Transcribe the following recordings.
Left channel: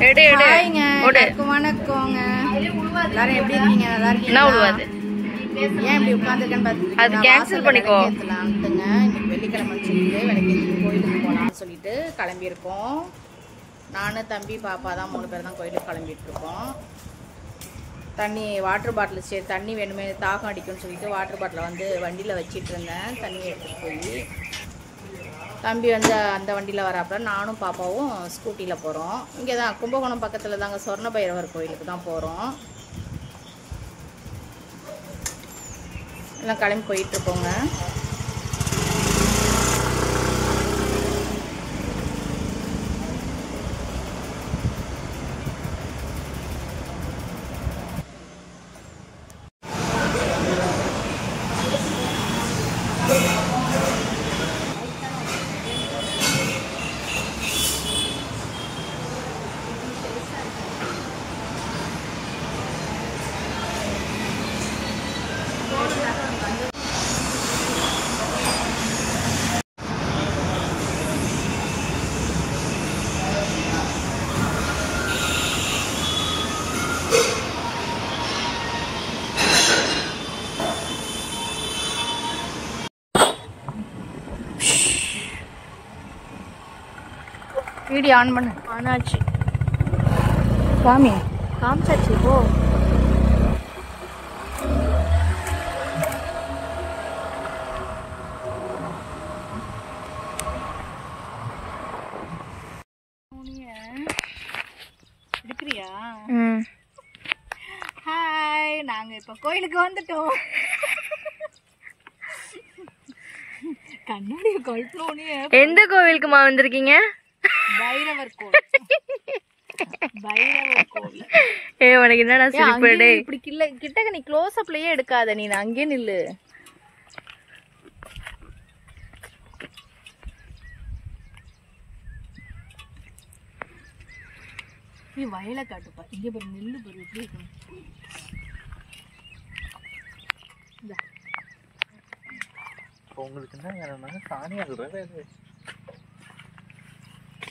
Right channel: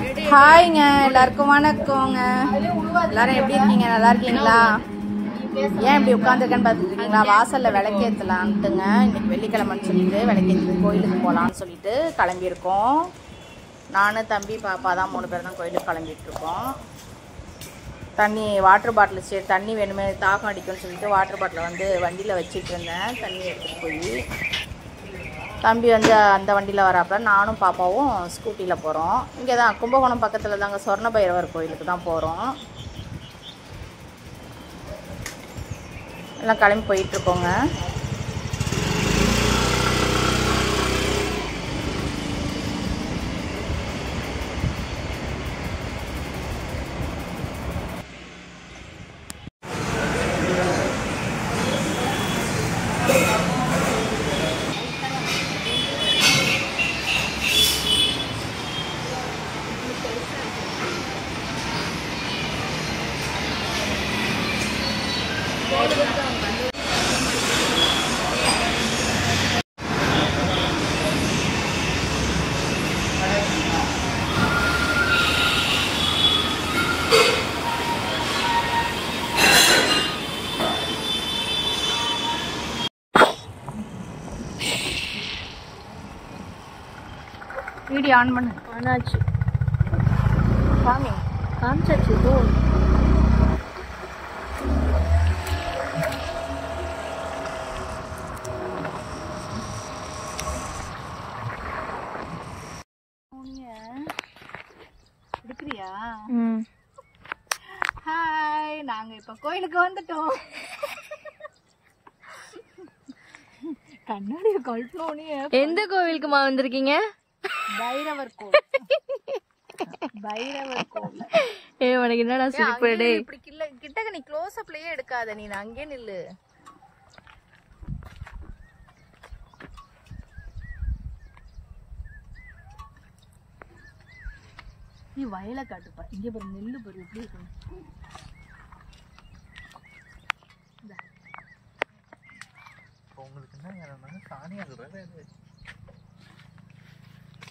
ஹாய்ங்க, எல்லாருக்கும் வணக்கங்க. எல்லாரும் எப்படி இருக்கீங்க? நல்லா இருக்கீங்களா? ஏன் இப்படி உட்காந்துருக்கேன்னு பார்த்துருக்கீங்களா? வாசல்ல விளக்கேற்றலான்ட்டுங்க. இன்னைக்கு வெள்ளிக்கிழமைன்னு சொல்லிட்டு விளக்கேற்றி கோயிலுக்கு போகலான்னு சொல்லிட்டு கிளம்பியிருக்கோம். நானும் தம்பி பாப்பா தான் 3 பேர் தான் கோயிலுக்கு கிளம்பிட்டு இருக்கோம். தண்ணி வாட்டர் பாட்டில் சரி தண்ணி வேணுமே தாகம் அடிக்கும்னு சொல்லிட்டு வாட்டர் பாட்டிலை வந்து வண்டியில் வச்சிட்டு இருந்தேன். தண்ணி எடுத்துகிட்டு போய் தம்பி வந்து அந்த வண்டியில் வராப்புல, நானும் பாப்பாவும் ஸ்கூட்டியில் போகிறோம். இங்கே தான் கும்பகோணம் பக்கத்தில் தாங்க, சொர்ண பைரவர் கோயிலுக்கு தான் போகிறோம். எல்லாம் கிளம்பி போயிட்டுருக்கோங்க. வீடியோ ஆன் பண்ணு. ஆனாச்சு. காமிச்சாச்சு. போ. எடுக்கிறியா? ஹாய், நாங்க இப்ப கோயிலுக்கு வந்துட்டோம். கண்ணாடிய கழட்டணும். எந்த கோவிலுக்குமா வந்திருக்கீங்க? பைரவர் கோவில். பைரவர் கோவில். உனக்கு என்னடா சிரிப்பு? இப்படி கிட்டக்க நீ க்ளோஸ் அப்லயே எடுக்காத, நீ அங்கே நில்லு. நீ வயலை காட்டுப்பா. இங்க பாரு, நெல்லு பாரு எப்படி இருக்கணும்.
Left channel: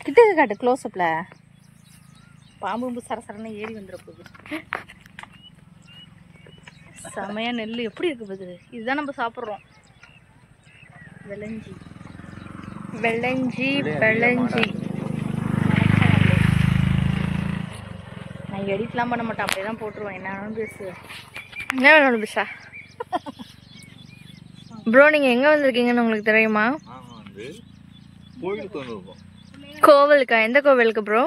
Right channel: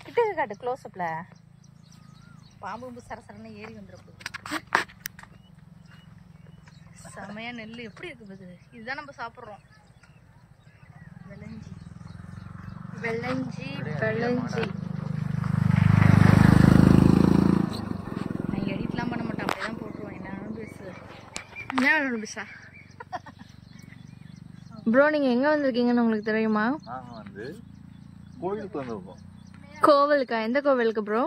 கிட்டக்க காட்டு, க்ளோஸ் அப்ல. பாம்பு சரசரன்னு ஏறி வந்துட போகுது. செமையா நெல் எப்படி இருக்கு பாரு. இதுதான் நம்ம சாப்பிட்றோம். வெள்ளஞ்சி வெள்ளஞ்சி வெள்ளஞ்சி. நான் எடிட்லாம் பண்ண மாட்டேன், அப்படியே தான் போட்டுருவேன். என்ன வேணாலும் பேசு. என்ன வேணும் பேசா? ப்ரோ, நீங்கள் எங்கே வந்திருக்கீங்கன்னு உங்களுக்கு தெரியுமா? கோயிலுக்கு வந்திருக்கோம். கோவிலுக்கா? எந்த கோவிலுக்கு ப்ரோ?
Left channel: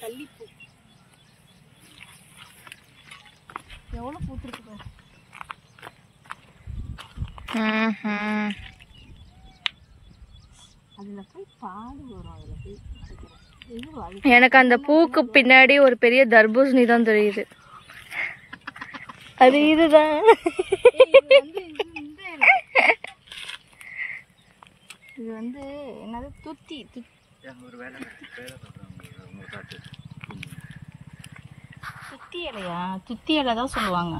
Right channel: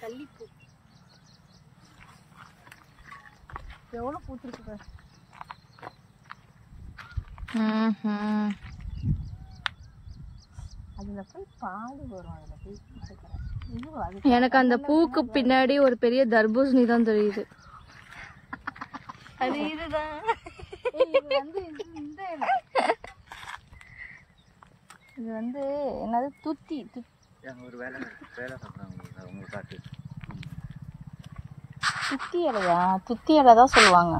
கள்ளிப்பூ எவ்வளோ பூத்துருக்கு. அதில் போய் பாடு வரும். அதில் போய் எனக்கு அந்த பூக்கு பின்னாடி ஒரு பெரிய தர்பூசணி தான் தெரியுது. அது இதுதான். இது வந்து என்னது? துத்தி. துத்தி இலையா? துத்தி இலை தான் சொல்லுவாங்க.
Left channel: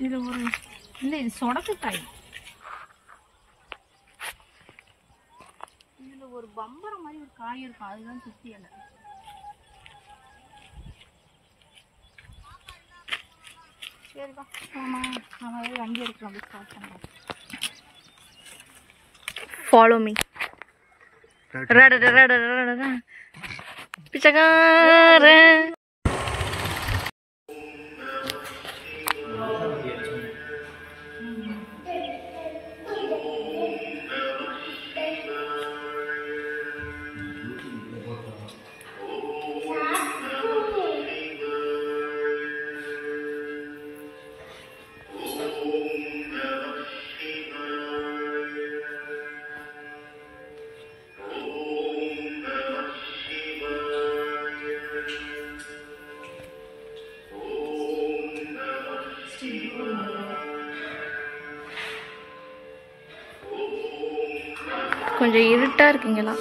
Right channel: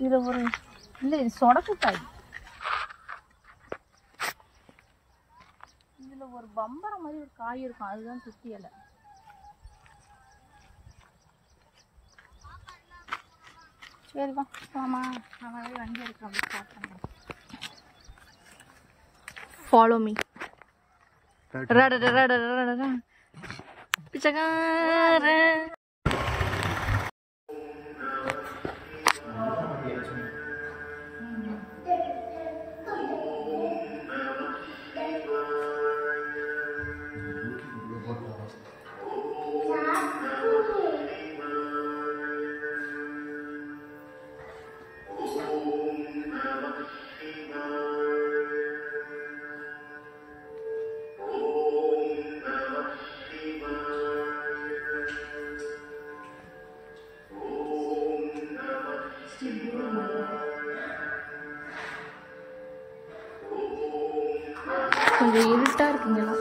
இதுல ஒரு இல்லை, இது சொடக்குக்காய். இதுல ஒரு பம்பரம் மாதிரி ஒரு காய் இருக்கும், அதுதான் துத்தி இலை. சரிப்பா, ஆமா, நம்ம வண்டி எடுக்கிறோம். அப்படி ஸ்டார்ட் பண்ணுறோம். Follow me. பிச்சைக்கார. கொஞ்சம் இருட்டா இருக்குங்களா?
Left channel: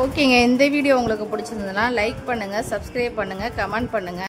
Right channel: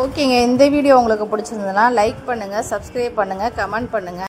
ஓகேங்க, இந்த வீடியோ உங்களுக்கு பிடிச்சிருந்ததுன்னா லைக் பண்ணுங்கள், சப்ஸ்கிரைப் பண்ணுங்கள், கமெண்ட் பண்ணுங்கள்.